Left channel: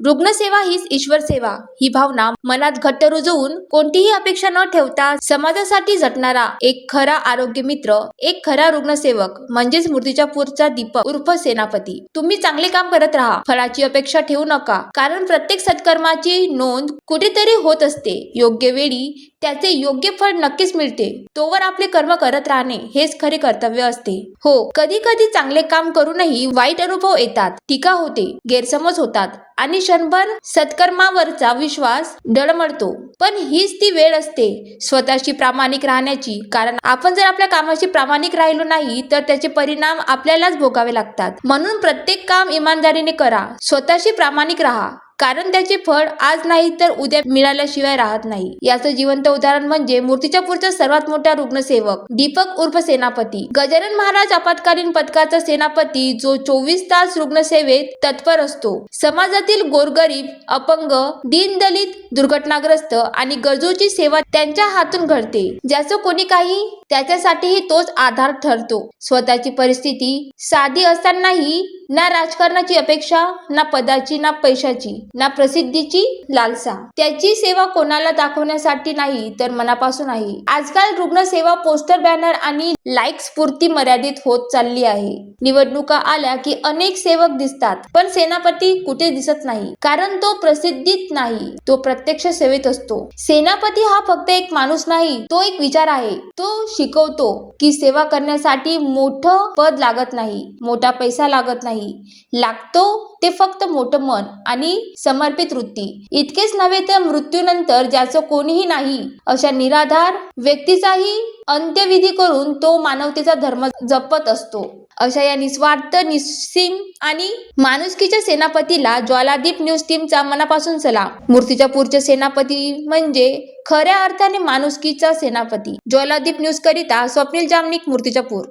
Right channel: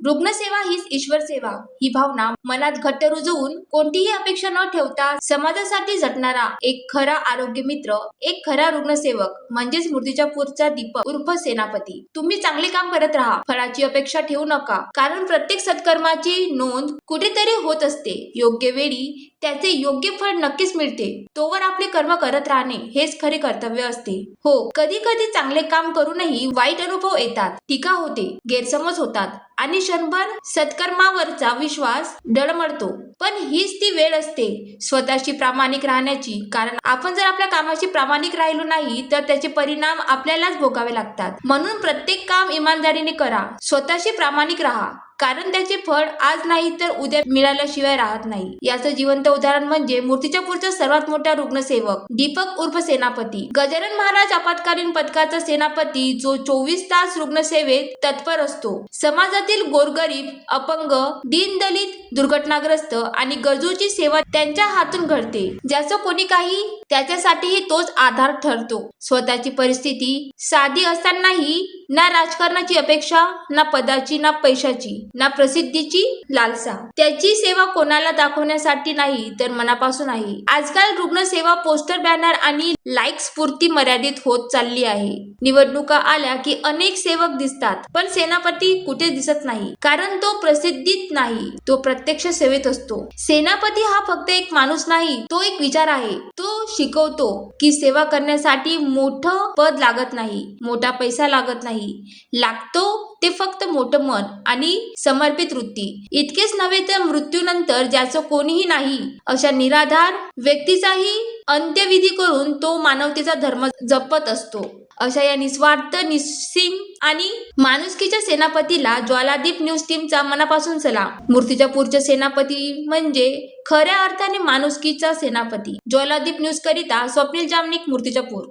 रुग्णसेवा हीच ईश्वर सेवा ही भावना मनात घट्ट रुजवून कोणतीही अपेक्षा न ठेवता समाजासाठी झटणारा एक खरा आरोग्य मित्र, एक खरा रुग्णसेवक म्हणजेच मूर्तिजापूरचा दीपक उर्फ सेनापती. तुम्ही चांगले काम करत राहा, फळाची अपेक्षा ठेवू नका, कारण प्रत्येक सत्कर्माची नोंद कुठेतरी होत असते. योग्य वेळी त्याचे योग्य फळ नक्कीच मिळते. तोवर आपले कर्म करत राहणे हेच खरे कर्तव्य असते. हो, कधी कधी चांगले काम करूनही वाईट अनुभव येतात, टीका होते, गैरसमज होतात आणि क्षणभर सत्कर्मावरचा विश्वास डळमळतो. पण हीच ती वेळ असते स्वतःशी प्रामाणिक राहण्याची, कारण आपण जर आपल्या कामाशी प्रामाणिक राहिलो नाही तर त्याचे परिणाम आपल्यालाच भोगावे लागतात. म्हणून प्रत्येक काम इमानदारीने करा, स्वतःशी प्रामाणिक राहा, कारण त्याचे फळ आज नाही तर उद्या मिळाल्याशिवाय राहत नाही. याचं जिवंत उदाहरण म्हणजे मूर्तिजापूरचा सर्वात मोठा रुग्णसेवक दीपक उर्फ सेनापती. गजानन महाराज आपत्कालीन पथकाचा सेनापती, जो 24 तास रुग्णसेवेत तत्पर असतो. समाजातील गोरगरीब, अपंग, दीनदलित, दुर्घटनाग्रस्त आणि गरजूची सेवा त्यांच्या हातून घडते. ज्याचं कोणी काही त्याच्यासाठीही तोच आधार ठरतो. स्वतःची परिस्थिती साधी असतानाही ना राजकारणाची अपेक्षा, ना पदाची, ना पैशाची, ना प्रसिद्धीची लालसा. त्याची सेवा कोणाला दाखवण्यासाठी नाही तर मनापासून आहे. आजकाल रुग्णसेवा पोस्टर, बॅनर आणि लाईक्स पुरती मर्यादित होत चालली आहे. निवडणुका आल्या की अनेक सेवक दिसतात, पण सेनापती कुठे दिसत नाही, कारण तो प्रसिद्धीत नाही, तो प्रत्यक्ष सेवेत असतो. सेनापती हा फक्त एक माणूस नाही, तो एक विचार आहे. तो शिकवतो की सेवा करण्यासाठी मोठं पद लागत नाही, मोठा पैसा लागत नाही, लागतो ते फक्त मोठं मन आणि समर्पित वृत्ती. इतकेच नव्हे तर मृत्यूनंतर ज्याचं कोणीही नाही अशा निराधार व्यक्तीचाही अंत्यविधी करून तो मानवतेचा धर्म जपत असतो. अशा या निस्वार्थ, निस्सीम आणि माणुसकीच्या सेनापतीला ज्वालादीप न्यूज टीमचा मनापासून सलाम. मूर्तिजापूरचे सेनापती म्हणजे खऱ्या अर्थाने माणुसकीचा सेनापती. ज्वालादीप न्यूज करिता स्वप्नील जामनिक, मूर्तिजापूर.